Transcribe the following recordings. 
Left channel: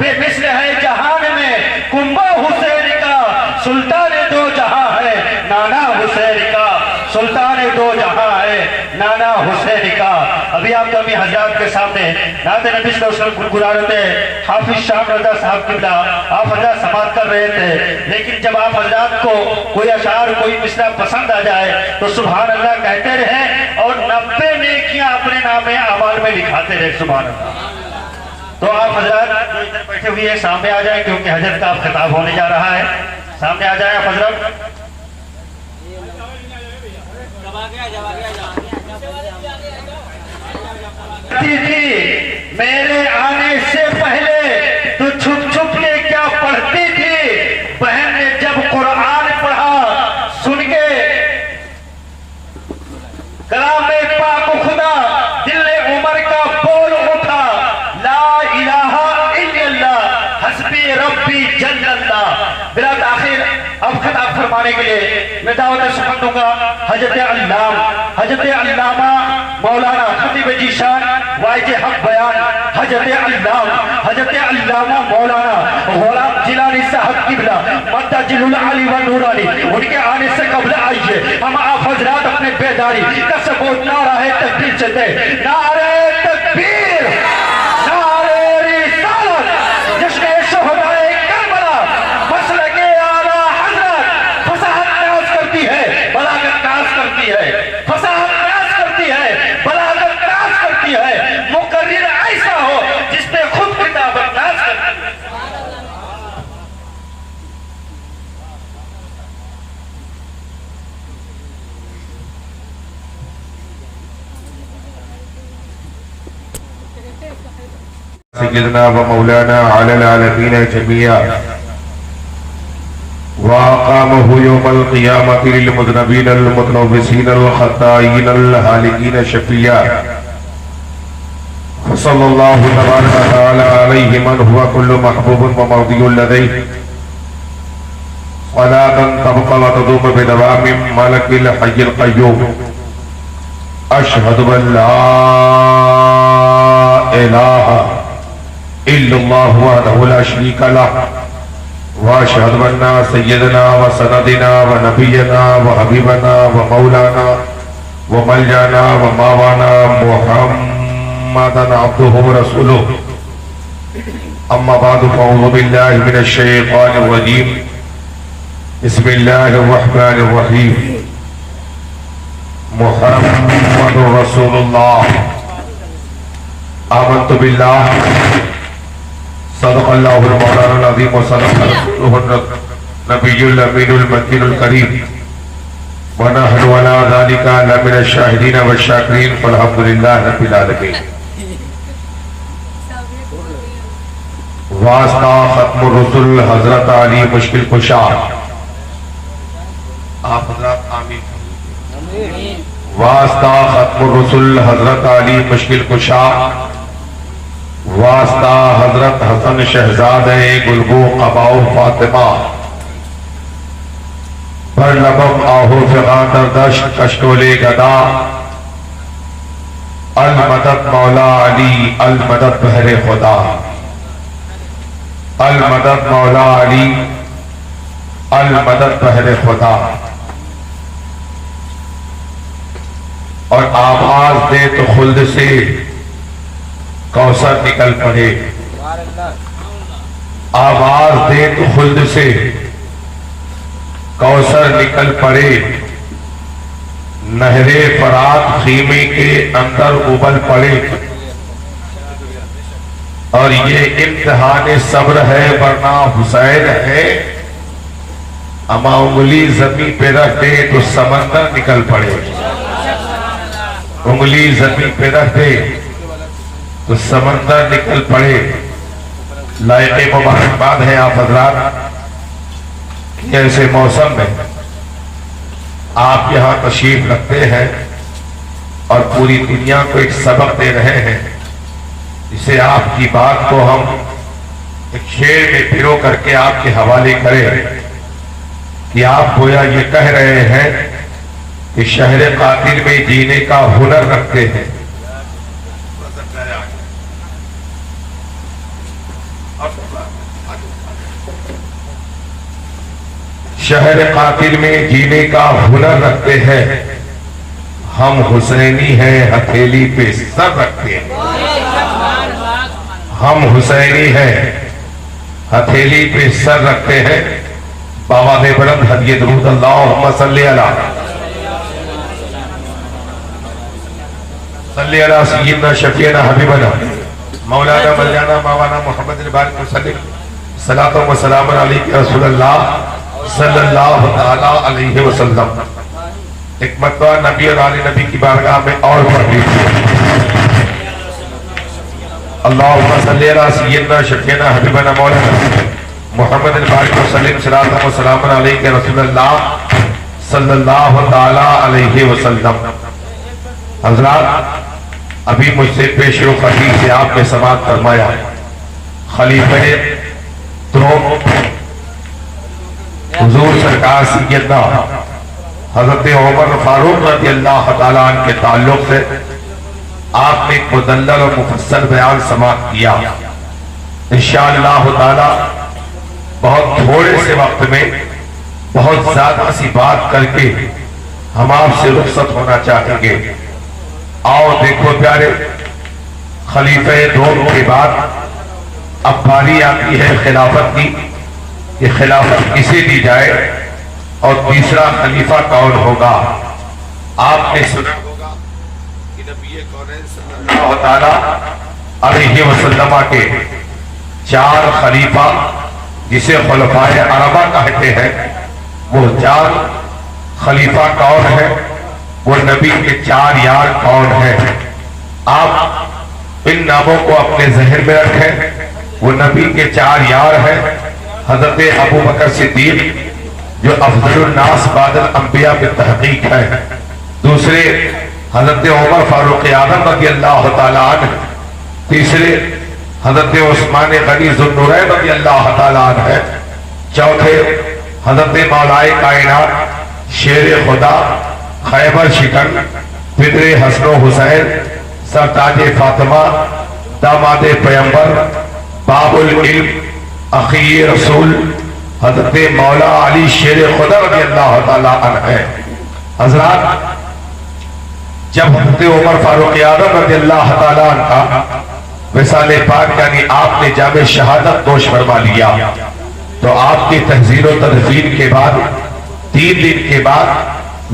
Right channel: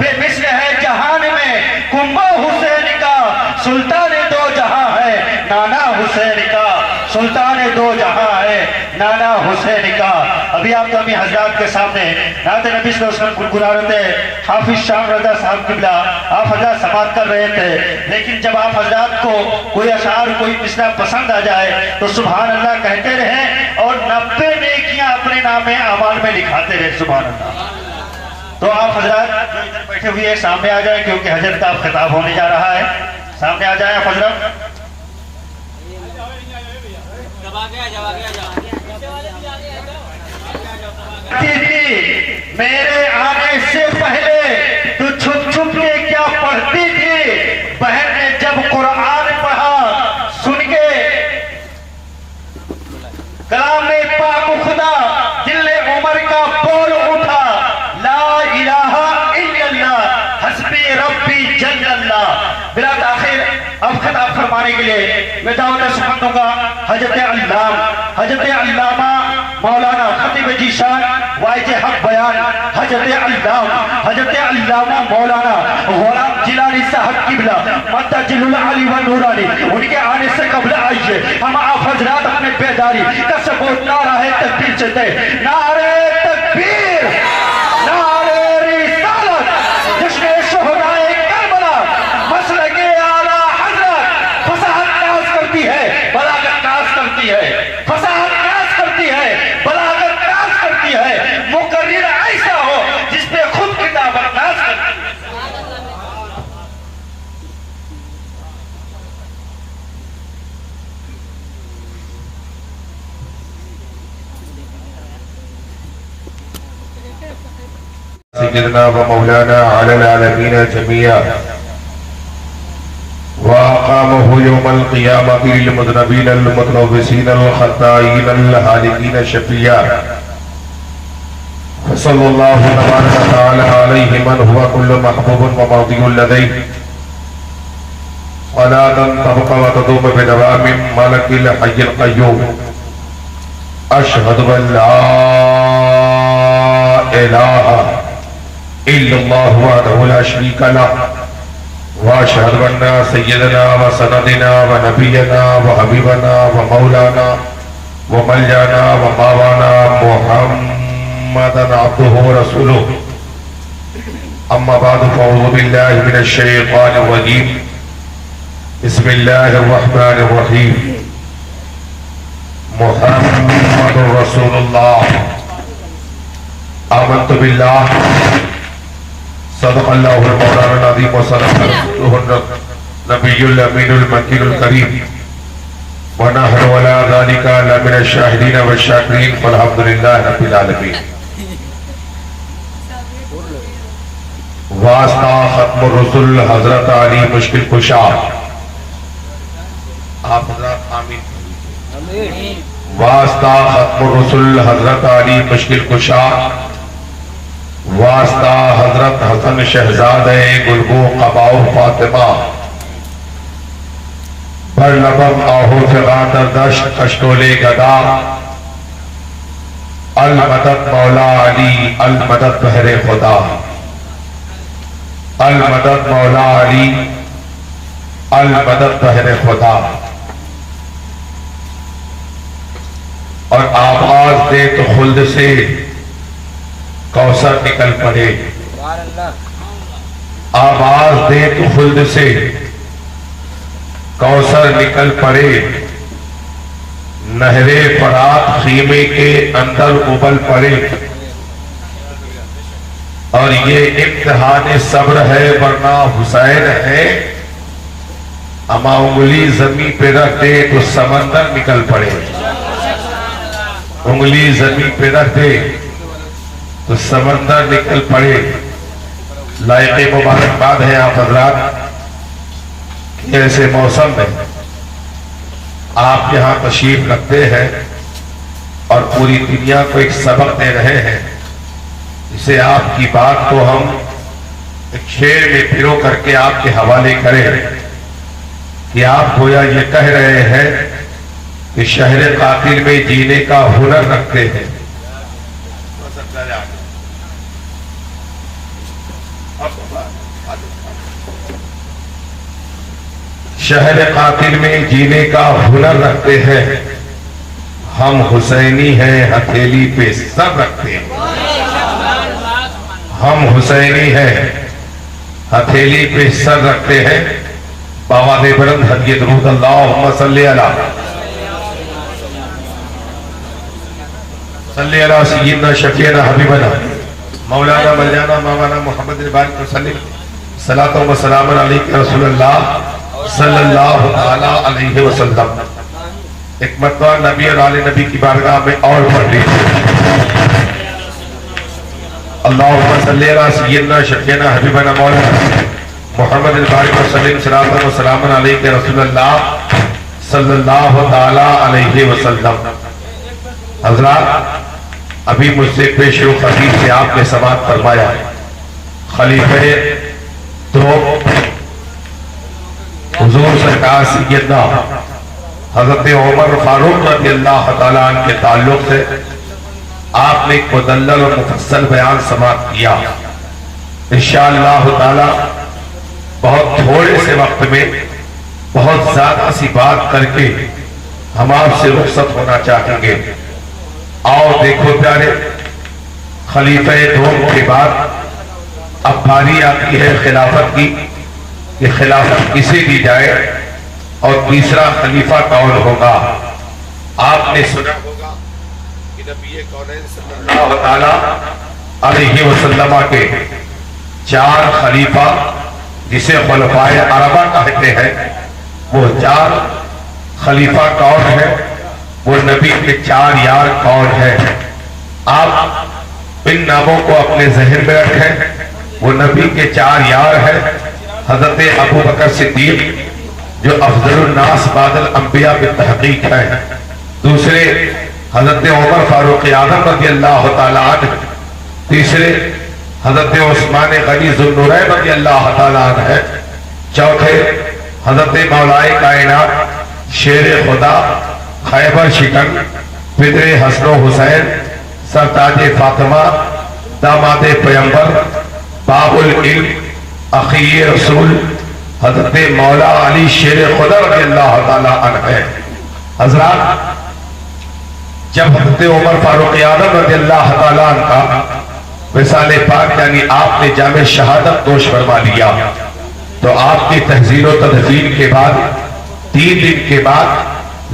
بے مثل ہے جہان میں کنبہ حسین کا، سلطان دو جہاں ہے نانا حسین کا، سلطان دو جہاں ہے نانا حسین کا۔ ابھی آپ تو حضرات کے سامنے نعت نبی صلی اللہ علیہ وسلم گنگنا رہے تھے، حافظ شام رضا صاحب قبلہ آپ حضرات سماعت کر رہے تھے، لیکن جب آپ حضرات کو کوئی اشعار کوئی مصرع پسند آ جائے تو سبحان اللہ کہتے رہیں اور 90 نیکیاں اپنے نام اعمال میں لکھاتے رہے، سبحان اللہ۔ تو آپ حضرات جو ادھر بیٹھے ہوئے ہیں سامنے آ جائیں، کیونکہ حضرت کا خطاب ہونے جا رہا ہے، سامنے آ جائیں آپ حضرت۔ میرے آنے سے پہلے تو چھپ چھپ کے کیا پڑھتی تھی، بہن نے جب قرآن پڑھا سن کے کلام پاک خدا دل عمر کا بول اٹھا، لا الہ الا اللہ حسبی ربی جل اللہ۔ بلا تاخیر اب خطاب فرمانے کے لیے میں دعوت سمجھ دوں گا حضرت علامہ مولانا خطیب جی شان واعظ حق بیان حضرت علامہ مولانا غلام جیلانی صاحب قبلہ مدجل العلی و نورانی، ان کے آنے سے قبل آئیے ہم آپ حضرات اپنے بیداری کا سبوت نعرہ تکبیر سے دیں، نعرہ تکبیر، نعرہ رسالت، جس نے شہدائے کربلا مسلک اعلیٰ حضرت فصاحت اراز کرتی ہے، بلاغت راز کرتی ہے، فصاحت اراز کرتی ہے، بلاغت راز کرتی ہے، مقرر ایسا ہو جس پہ خود کتاب انداز کرتی ہے۔ سيدنا ومولانا على العالمين جميعا وأقامه يوم القيامة للمذنبين المتلوثين الخطائين الهالكين شفيعا، فصلى الله تبارك وتعالى عليه من هو كل محبوب ومرضي لديه، صلاة تبقى وتدوم بدوام ملك الحي القيوم، أشهد أن لا إله إلا الله وحده لا شريك له، وأشهد أن سيدنا وسندنا ونبينا وحبيبنا ومولانا وملجانا وماوانا محمدا عبده ورسوله، أما بعد فأعوذ بالله من الشيطان الرجيم، بسم الله الرحمن الرحيم، محمد رسول الله، آمنت بالله، صدق الله المولان العظيم، وصدق رسوله النبي الأمين المكين الكريم، ونحن على ذلك لمن الشاهدين والشاكرين، والحمد لله رب العالمين۔ واسطہ ختم الرسل حضرت علی مشکل کشا، آپ حضرات آمین۔ واسطہ ختم الرسل حضرت علی مشکل کشا، واسطہ حضرت حسن شہزادہ گلبو قباؤ فاطمہ، پر لبم آہو فغان در دشت کشتولے گدا، المدد مولا علی المدد بحر خدا، المدد مولا علی المدد بحر خدا۔ اور آواز دے تو خلد سے کوثر نکل پڑے، آواز دے تو خلد سے کوثر نکل پڑے، نہر فرات خیمے کے اندر ابل پڑے، اور یہ امتحان صبر ہے ورنہ حسین ہے، اما انگلی زمین پہ رکھ دے تو سمندر نکل پڑے، انگلی زمین پہ رکھ دے تو سمندر نکل پڑے۔ لائق مبارکباد ہے آپ حضرات کہ ایسے موسم میں آپ یہاں تشریف رکھتے ہیں اور پوری دنیا کو ایک سبق دے رہے ہیں، جسے آپ کی بات کو ہم ایک شعر میں پرو کر کے آپ کے حوالے کریں کہ آپ گویا یہ کہہ رہے ہیں کہ شہر قاتل میں جینے کا ہنر رکھتے ہیں۔ شہر قاتل میں جینے کا ہنر رکھتے ہیں، ہم حسینی ہیں ہتھیلی پہ سر رکھتے ہیں، ہم حسینی ہیں ہتھیلی پہ سر رکھتے ہیں۔ بآواز بلند ہدیہ درود اللہم صلی علی سیدنا شفیعنا حبیبنا مولانا مولانا مولانا محمد البانی وسلم صلاۃ و سلام علیک رسول اللہ صلی اللہ تعالی علیہ وسلم۔ ایک مرتبہ نبی اور آل نبی کی بارگاہ میں اور پڑھی، اللہم صلی علی سیدنا شفیعنا حبیبنا مولانا محمد البانی وسلم صلاۃ و سلام علیک رسول اللہ صلی اللہ تعالی علیہ وسلم۔ حضرات، ابھی مجھ سے پیش و خدیث سے آپ نے سماعت فرمایا خلیفہ تو حضور سرکار سیدنا حضرت عمر فاروق رضی اللہ تعالیٰ عنہ کے تعلق سے آپ نے ایک مدلل اور مفصل بیان سماعت کیا۔ انشاءاللہ تعالیٰ بہت تھوڑے سے وقت میں بہت زیادہ سی بات کر کے ہم آپ سے رخصت ہونا چاہیں گے۔ آؤ دیکھو پیارے، خلیفہ دوم کے بعد اب باری آتی ہے خلافت کی، کہ خلافت کسے دی جائے اور تیسرا خلیفہ کون ہوگا۔ آپ نے سنا ہوگا کہ نبی کونین صلی اللہ تعالی علیہ وسلم کے 4 خلیفہ جسے خلفائے اربعہ کہتے ہیں، وہ 4 خلیفہ کون ہیں؟ وہ نبی کے 4 یار کون ہیں؟ آپ ان ناموں کو اپنے ذہن میں رکھیں۔ وہ نبی کے 4 یار ہیں، حضرت ابو بکر صدیق جو افضل الناس بعد الانبیاء بالتحقیق ہیں، دوسرے حضرت عمر فاروق اعظم رضی اللہ تعالیٰ عنہ، تیسرے حضرت عثمان غنی ذو النورین رضی اللہ تعالیٰ عنہ ہے، چوتھے حضرت مولائے کائنات شیر خدا خیبر شکن پدر حسن و حسین سرتاج فاطمہ داماد پیمبر باب العلم اخی رسول حضرت مولا علی شیر خدا رضی اللہ تعالیٰ عنہ ہے۔ حضرات، جب حضرت عمر فاروق اعظم رضی اللہ تعالیٰ عنہ کا وصال پاک یعنی آپ نے جامع شہادت نوش فرما لیا، تو آپ کی تحذیر و تدفین کے بعد 3 دن کے بعد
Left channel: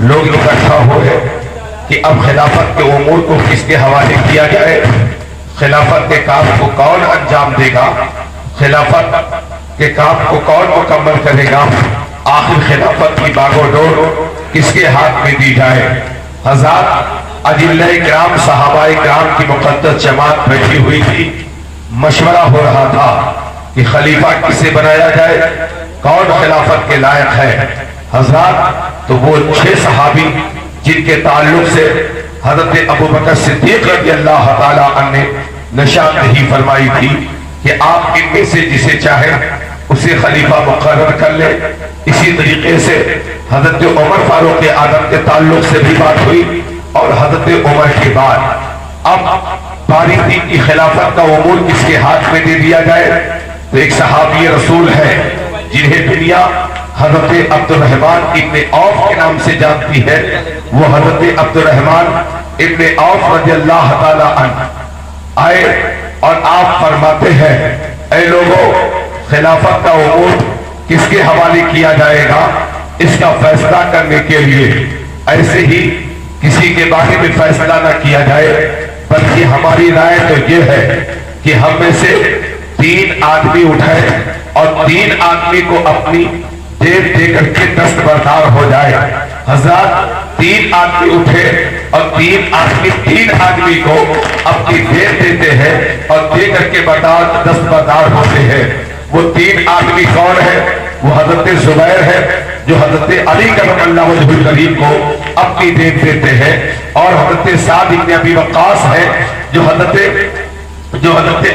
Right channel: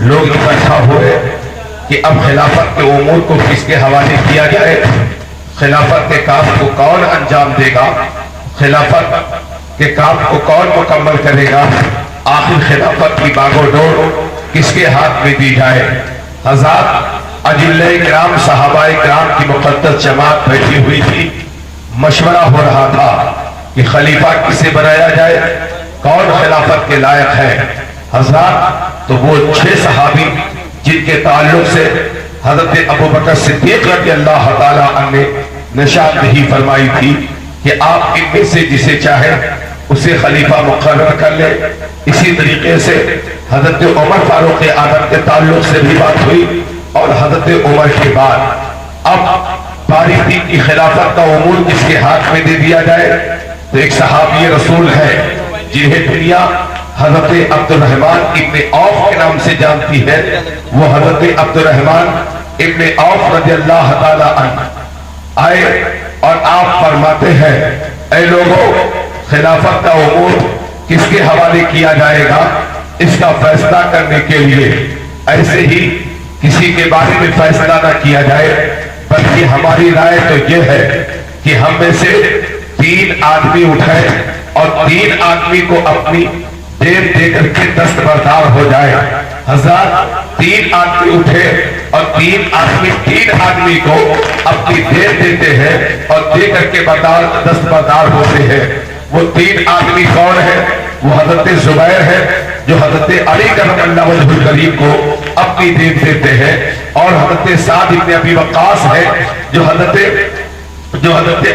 لوگ اکٹھا ہوئے کہ اب خلافت کے امور کو کس کے حوالے کیا جائے، خلافت کے کام کو کون انجام دے گا، خلافت کے کام کو کون مکمل کرے گا، آخر خلافت کی باغ و ڈور کس کے ہاتھ میں دی جائے۔ حضرات، اجلہ کرام صحابہ کرام کی مقدس جماعت بیٹھی ہوئی تھی، مشورہ ہو رہا تھا کہ خلیفہ کسے بنایا جائے، کون خلافت کے لائق ہے۔ حضرات، تو وہ 6 صحابی جن کے تعلق سے حضرت ابو بکر صدیق رضی اللہ تعالیٰ عنہ نے نشاندہی فرمائی تھی کہ آپ ان میں سے جسے چاہے اسے خلیفہ مقرر کر لے۔ اسی طریقے سے حضرت عمر فاروق اعظم کے تعلق سے بھی بات ہوئی، اور حضرت عمر کے بعد اب باری دین کی خلافت کا امور کس کے ہاتھ میں دے دیا جائے، تو ایک صحابی رسول ہے جنہیں دنیا حضرت عبد الرحمن ابن عوف کے نام سے جانتی ہے۔ وہ حضرت عبد الرحمن ابن عوف رضی اللہ تعالیٰ عنہ آئے اور آپ فرماتے ہیں، اے لوگوں، خلافت کا امور کس کے حوالے کیا جائے گا، اس کا فیصلہ کرنے کے لیے ایسے ہی کسی کے بارے میں فیصلہ نہ کیا جائے، بلکہ ہماری رائے تو یہ ہے کہ ہم میں سے 3 آدمی اٹھائے اور 3 آدمی کو اپنی دیر دے کر کے دستبردار ہو جائے۔ حضرات، 3 آدمی اٹھے اور 3 آدمی کو اپنی دیر دیتے ہیں اور دے کر کے دستبردار ہوتے ہیں۔ وہ 3 آدمی کون ہے؟ وہ حضرت زبیر ہے جو حضرت علی کرم اللہ وجہ الکریم کو اپنی دیر دیتے ہیں، اور حضرت سعد ابن ابی وقاص ہے جو حضرت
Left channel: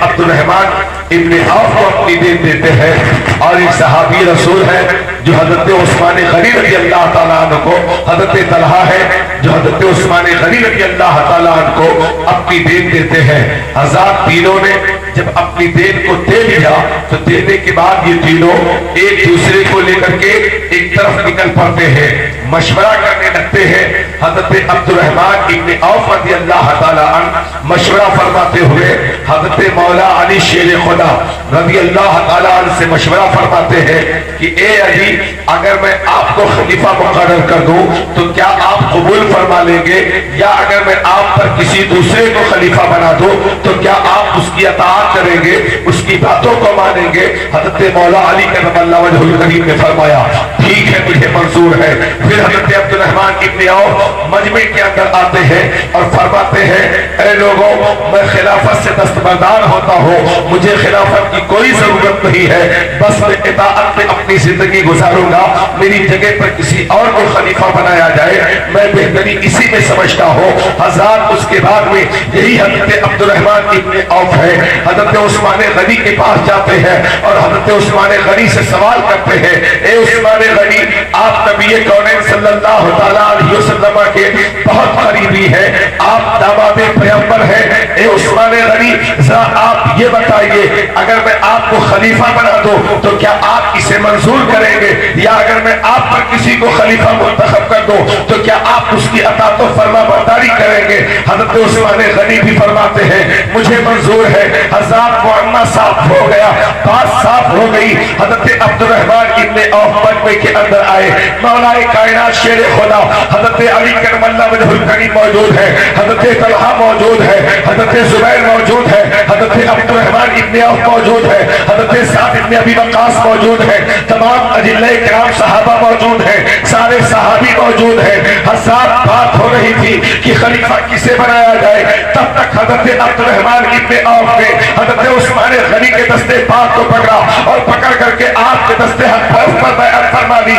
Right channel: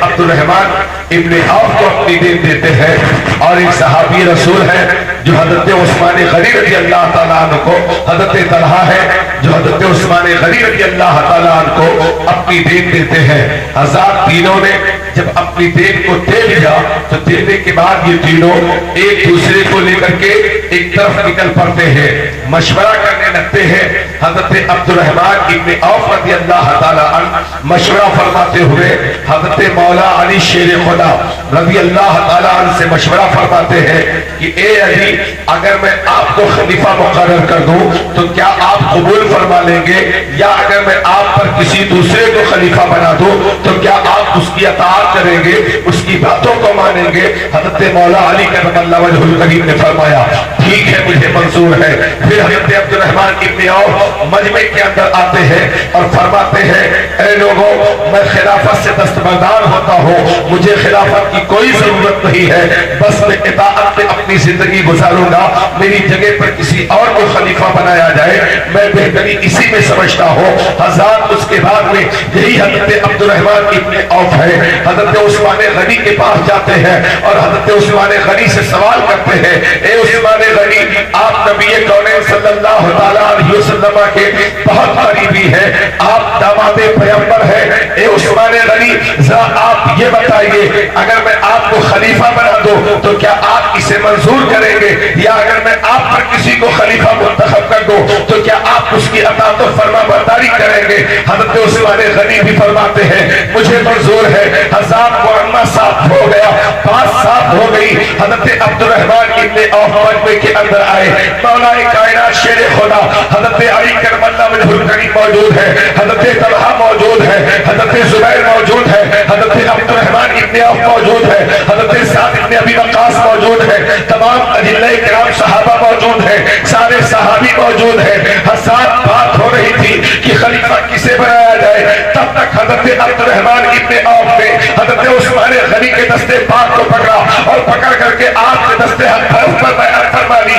عبد الرحمن ابن عوف کو اپنی دیر دیتے ہیں، اور ایک صحابی رسول ہے جو حضرت عثمان غنی رضی اللہ تعالیٰ عنہ کو، حضرت طلحہ ہے جو حضرت عثمان غنی رضی اللہ تعالیٰ عنہ کو اپنی دین دیتے ہیں۔ حضرات تینوں نے جب اپنی دین کو دے لیا تو دینے کے بعد یہ تینوں ایک دوسرے کو لے کر کے ایک طرف نکل پڑتے ہیں، مشورہ کرنے لگتے ہیں۔ حضرت عبد الرحمن ابن عوف رضی اللہ تعالیٰ عنہ مشورہ فرماتے ہوئے حضرت مولا علی شیر خدا رضی اللہ تعالیٰ عنہ سے مشورہ فرماتے ہیں کہ اے علی، اگر میں آپ کو خلیفہ مقرر کر دوں تو کیا آپ قبول فرما لیں گے، یا اگر میں آپ پر کسی دوسرے کو خلیفہ بنا دوں تو کیا آپ اس کی اطاعت کریں گے، اس کی باتوں کو مانیں گے؟ حضرت مولا علی کرم اللہ وجہ الکریم نے فرمایا ٹھیک ہے، مجھے منظور ہے۔ پھر حضرت عبد الرحمن ابن عوف مجمع کے اندر آتے ہیں اور فرماتے ہیں اے لوگوں، میں خلافت سے دستبردار ہوتا ہوں، مجھے خلافت کی کوئی ضرورت نہیں ہے، بس میں اطاعت میں اپنی زندگی گزاروں گا، میری جگہ پر کسی اور کو خلیفہ بنایا جائے، میں بہتری اسی میں سمجھتا ہوں۔ حضرات اس کے بعد میں یہی حضرت عبد الرحمن ابن عوف ہے، حضرت عثمان غنی کے پاس جاتے ہیں اور حضرت عثمان غنی سے سوال کرتے ہیں اے عثمان غنی، آپ نبی کونین صلی اللہ تعالیٰ علیہ وسلم کے بہت قریبی ہیں، آپ داماد پیغمبر ہیں، اے عثمان غنی آپ یہ بتائیے اگر میں آپ کو خلیفہ بنا دوں تو کیا آپ اسے منظور کریں گے، یا اگر میں آپ پر کسی کو خلیفہ منتخب کر دوں تو کیا آپ اس کی اطاعت و فرما برداری کریں گے؟ حضرت عثمان غنی بھی فرماتے ہیں مجھے منظور ہے۔ حضرات معاملہ صاف ہو گیا، بات صاف ہو گئی۔ حضرت عبد الرحمن ابن عوف مجمع کے اندر آئے، مولا کائنات شیر خدا حضرت علی کرم اللہ وجہ الکریم موجود ہے، حضرت طلحہ موجود ہے، حضرت زبیر موجود ہے، حضرت عبد الرحمن ابن عوف موجود ہے، حضرت سعد ابن ابی وقاص موجود ہے، تمام اجلاء کرام صحابہ موجود ہیں، سارے صحابی موجود ہیں۔ حضرات بات ہو رہی تھی کہ خلیفہ کسے بنایا جائے، تب تک حضرت عبد الرحمن ابن عوف نے حضرت عثمان غنی کے دستے پاک کو پکڑا اور پکڑ کر کے آپ کے دستے حضرت پر بیعت فرما لی،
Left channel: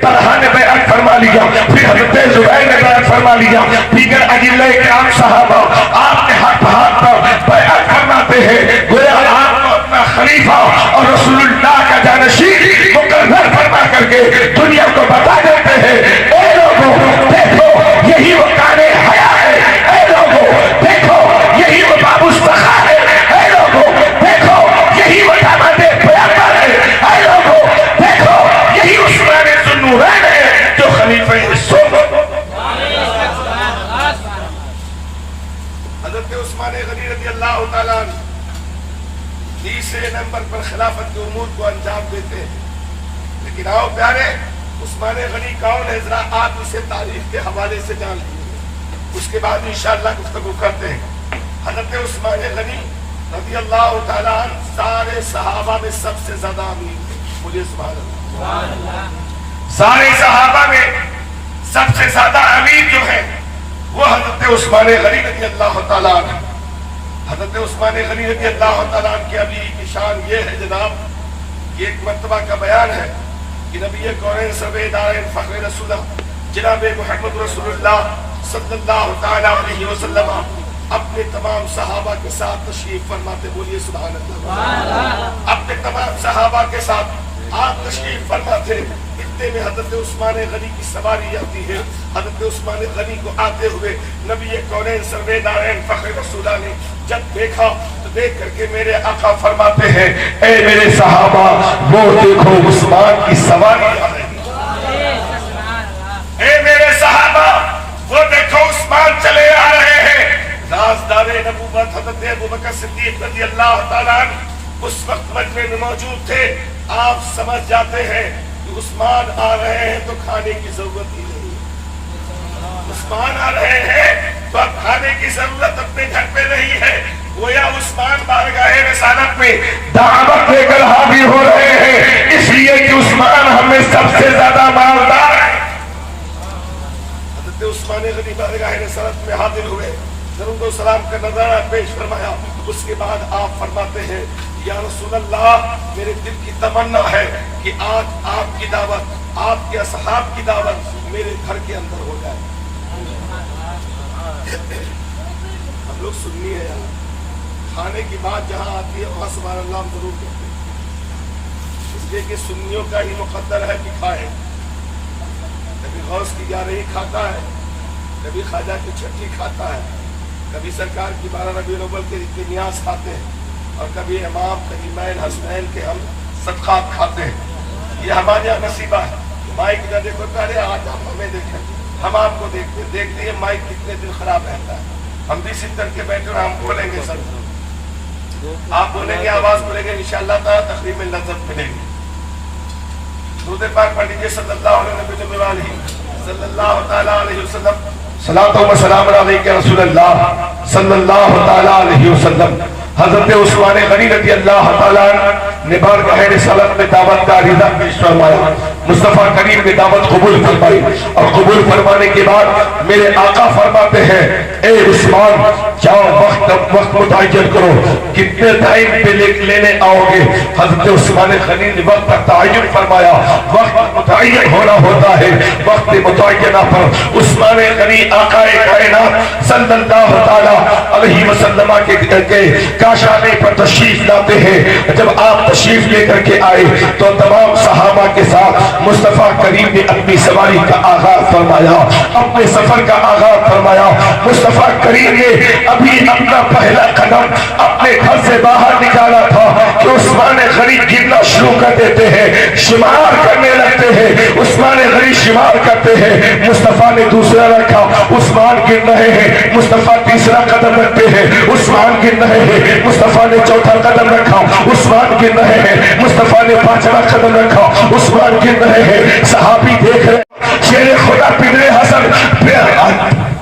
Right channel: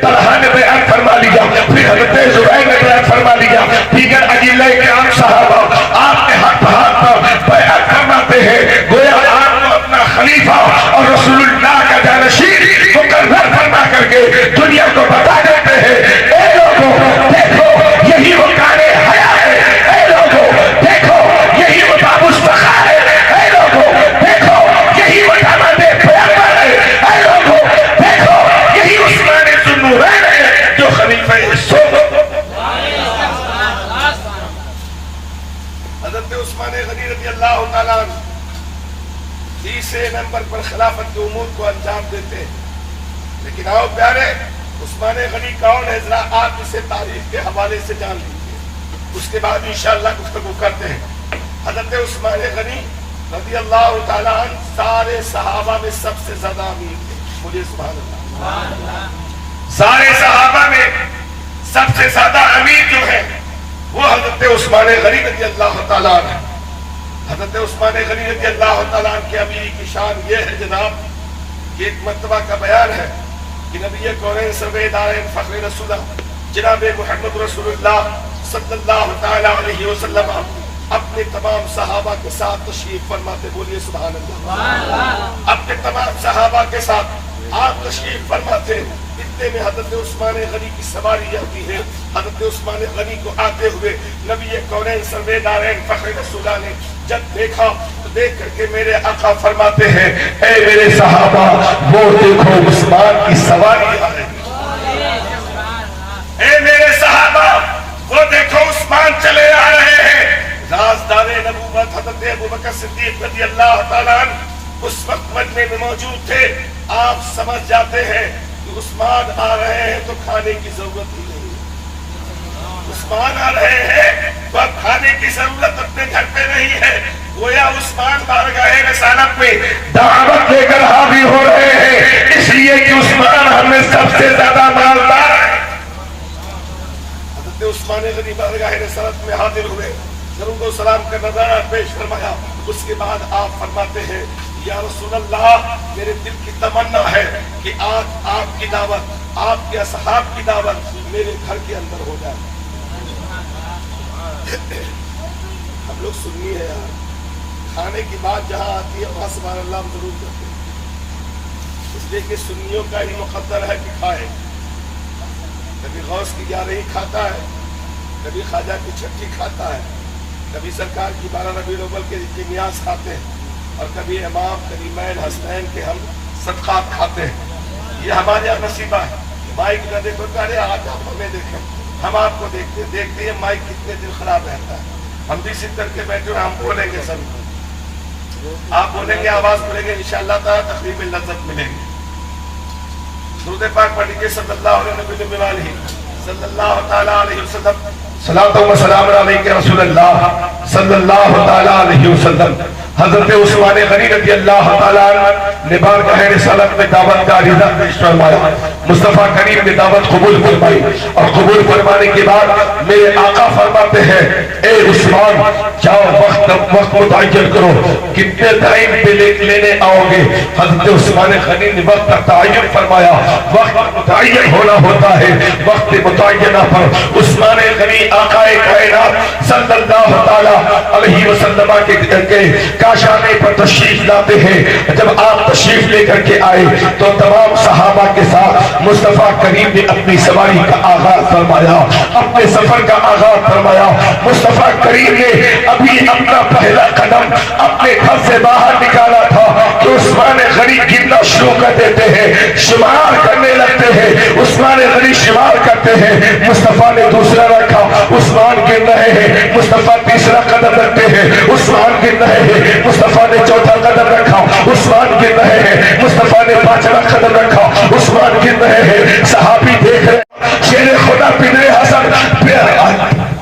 طلحہ نے بیعت فرما لیا، پھر حضرت زبیر نے بیعت فرما لیا، دیگر اجلاء کرام صحابہ آپ کے ہاتھ پر بیعت فرماتے ہیں، گویا آپ کو اپنا خلیفہ اور رسول اللہ کا جانشین مقرر فرما کر کے دنیا کو بتا دیتے ہیں اے لوگوں دیکھو یہی وہ قائد حیا ہے، اے لوگوں دیکھو یہی وہ باب الصخا ہے، اے لوگوں دیکھو یہی وہ داماد پیغمبر ہے، اے لوگوں دیکھو یہی عثمان ذو النورین ہے جو خلیفہ حضرت عثمان غنی رضی اللہ تعالیٰ عنہ تیسرے نمبر پر خلافت کے امور کو انجام دیتے ہیں۔ لیکن آؤ پیارے، عثمان غنی کون ہے ذرا آپ اسے تاریخ کے حوالے سے جان لیجیے، اس کے بعد انشاءاللہ گفتگو کرتے ہیں۔ حضرت عثمان غنی رضی اللہ تعالیٰ عنہ سارے صحابہ میں سب سے زیادہ امیر تھے، مجھے سبحان اللہ، سارے صحابہ میں سب سے زیادہ امیر جو ہے وہ حضرت عثمان غنی رضی اللہ تعالیٰ عنہ۔ حضرت عثمان غنی رضی اللہ تعالیٰ عنہ کی امیری کی شان یہ ہے جناب، یہ ایک مرتبہ کا بیان ہے کہ نبی کونین سرور دارین فخر رسول جناب محمد رسول اللہ صلی اللہ تعالیٰ علیہ وسلم اپنے تمام صحابہ کے ساتھ تشریف فرماتے، بولیے سبحان اللہ، اپنے تمام صحابہ کے ساتھ آپ تشریف فرماتے، اتنے میں حضرت عثمان غنی کی سواری آتی ہے۔ حضرت عثمان غنی کو آتے ہوئے نبی کونین سرور دارین فخر رسول نے جب دیکھا تو دیکھ کر کے میرے آقا فرماتے ہیں اے میرے صحابہ وہ دیکھو عثمان کی سواری آ رہی ہے، اے میرے صحابہ وہ دیکھو عثمان چلے آ رہے ہیں۔ رازدار نبوت حضرت ابوبکر صدیق رضی اللہ تعالیٰ عنہ اس وقت مجمع میں موجود تھے۔ آپ سمجھ جاتے ہیں کہ عثمان آ رہے ہیں تو کھانے کی ضرورت ہی نہیں ہے، عثمان آ رہے ہیں تو اب کھانے کی ضرورت اپنے گھر پہ نہیں ہے، گویا عثمان بارگاہ رسالت میں دعوت دے کر حاضر ہو رہے ہیں، اس لیے کہ عثمان ہمیں سب سے زیادہ مالدار ہے۔ حضرت عثمان غنی بارگاہ رسالت میں حاضر ہوئے، درود و سلام کا نظرانہ پیش فرمایا، اس کے بعد آپ فرماتے ہیں یا رسول اللہ میرے دل کی تمنا ہے کہ آج آپ کی دعوت، آپ کے اصحاب کی دعوت میرے گھر کے اندر ہو جائے۔ ہم لوگ سنی ہے یار، کھانے کی بات جہاں آتی ہے وہاں سبحان اللہ ہم ضرور کرتے ہیں، اس لیے کہ سنیوں کا ہی مقدر ہے کہ کھائے. کبھی غوث کی 11 کھاتا ہے, کبھی خواجہ کی 6 کھاتا ہے, کبھی سرکار کی 12 ربیع الاول کے نیاز کھاتے ہیں, اور کبھی امام کریمین حسنین کے ہم صدقات کھاتے ہیں. یہ ہمارے یہاں نصیبہ ہے. مائک نہ دیکھو پہلے, آج آپ ہمیں دیکھیں, ہم آپ کو دیکھتے ہیں مائک کتنے دن خراب رہتا ہے. ہم بھی سن کر کے بیٹھے اور ہم بولیں گے سر, آپ بولیں گے, آواز بولیں گے, انشاءاللہ تعالیٰ تقریب لذت ملے گی. درود پاک پڑھ لیجیے صلی اللہ علیہ صلی اللہ تعالیٰ علیہ وسلم. صلاۃ و سلام علیک رسول اللہ صلی اللہ تعالیٰ علیہ وسلم. حضرت عثمان غنی رضی اللہ تعالیٰ عنہ نے بارگاہ رسالت میں دعوت کا عریضہ پیش فرمایا. مصطفیٰ کریم نے دعوت قبول فرمائی, اور قبول فرمانے کے بعد میرے آقا فرماتے ہیں, اے عثمان جاؤ وقت متعین کرو, کتنے ٹائم پہ لینے آؤ گے. حضرت عثمان غنی نے وقت کا تعین فرمایا. وقت متعین ہونا ہوتا ہے, وقت متعینہ پر عثمان غنی آقا کائنات صلی اللہ تعالیٰ علیہ وسلم کے کاشانے پر تشریف لاتے ہیں. جب آپ تشریف لے کر کے آئے تو تمام صحابہ کے ساتھ مصطفیٰ کریم نے اپنی سواری کا آغاز فرمایا, اپنے سفر کا آغاز فرمایا. مصطفیٰ کریم نے ابھی اپنا پہلا قدم اپنے گھر سے باہر نکالا تھا کہ عثمان غنی گرنا شروع کر دیتے ہیں, شمار کرنے لگتے ہیں. عثمان غنی شمار کرتے ہیں. مصطفیٰ نے دوسرا رکھا, عثمان گر رہے ہیں. مصطفیٰ تیسرا قدم رکھتے ہیں, عثمان گر رہے ہیں. مصطفیٰ نے چوتھا قدم رکھا, عثمان گر رہے ہیں. مصطفیٰ نے 5واں قدم رکھا, عثمان گر رہے ہیں. صحابی دیکھ رہے, شیر خدا پدر حسن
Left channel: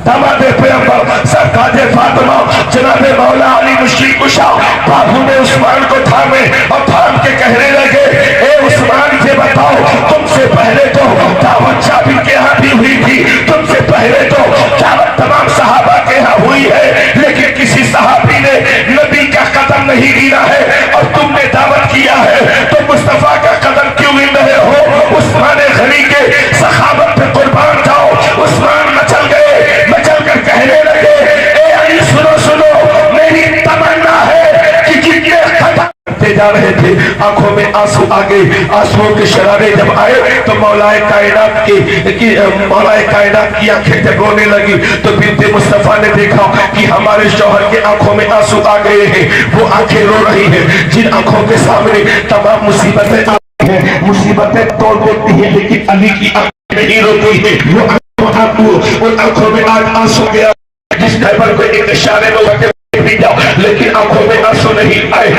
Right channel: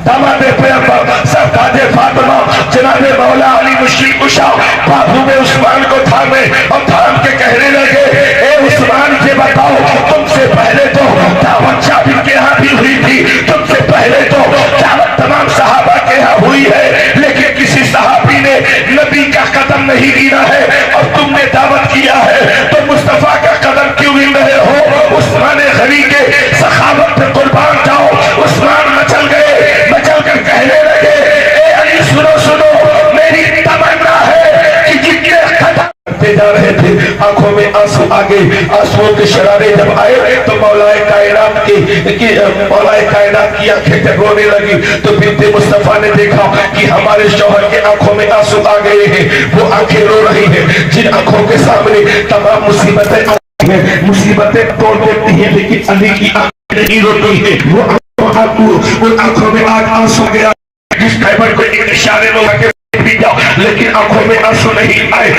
داماد پیغمبر سرکار فاطمہ جناب مولا علی مشکل کشا بابو میں عثمان کو تھامے اور تھام کے کہنے لگے, اے عثمان یہ بتاؤ, تم سے پہلے تو دعوت شابی کے ہاں بھی ہوئی تھی, تم سے پہلے تو دعوت تمام صحابہ کے ہاں ہوئی ہے, لیکن کسی صحابی نے نبی کا قدم نہیں گرا ہے اور تم نے دعوت کیا ہے, تو مصطفیٰ کا قدم کیوں گر رہے ہو؟ عثمان غنی کے سخاوت پہ قربان جاؤ. عثمان مچل گئے, مچل کر کہنے لگے, اے علی سنو سنو, میری تمنا ہے کہ جتنے قدم کرتے جا رہے تھے آنکھوں میں آنسو آگے, آنسو کے شرارے جب آئے تو مولا کائنات کی آنکھیں جب رونے لگی تو بنت مصطفیٰ نے دیکھا کہ ہمارے شوہر کے آنکھوں میں آنسو آ گئے ہیں. وہ آنکھیں رو رہی ہیں جن آنکھوں کے سامنے تمام مصیبتیں آتی ہیں, مصیبتیں توڑ دیتی ہیں, لیکن علی کی آنکھیں نہیں روتی ہیں. وہ ان آنکھوں میں آج آنسو گیا جس خیبر کو ایک اشارے لوگ کے بھی جاؤ, لیکن آنکھوں میں آنسو نہیں آئے.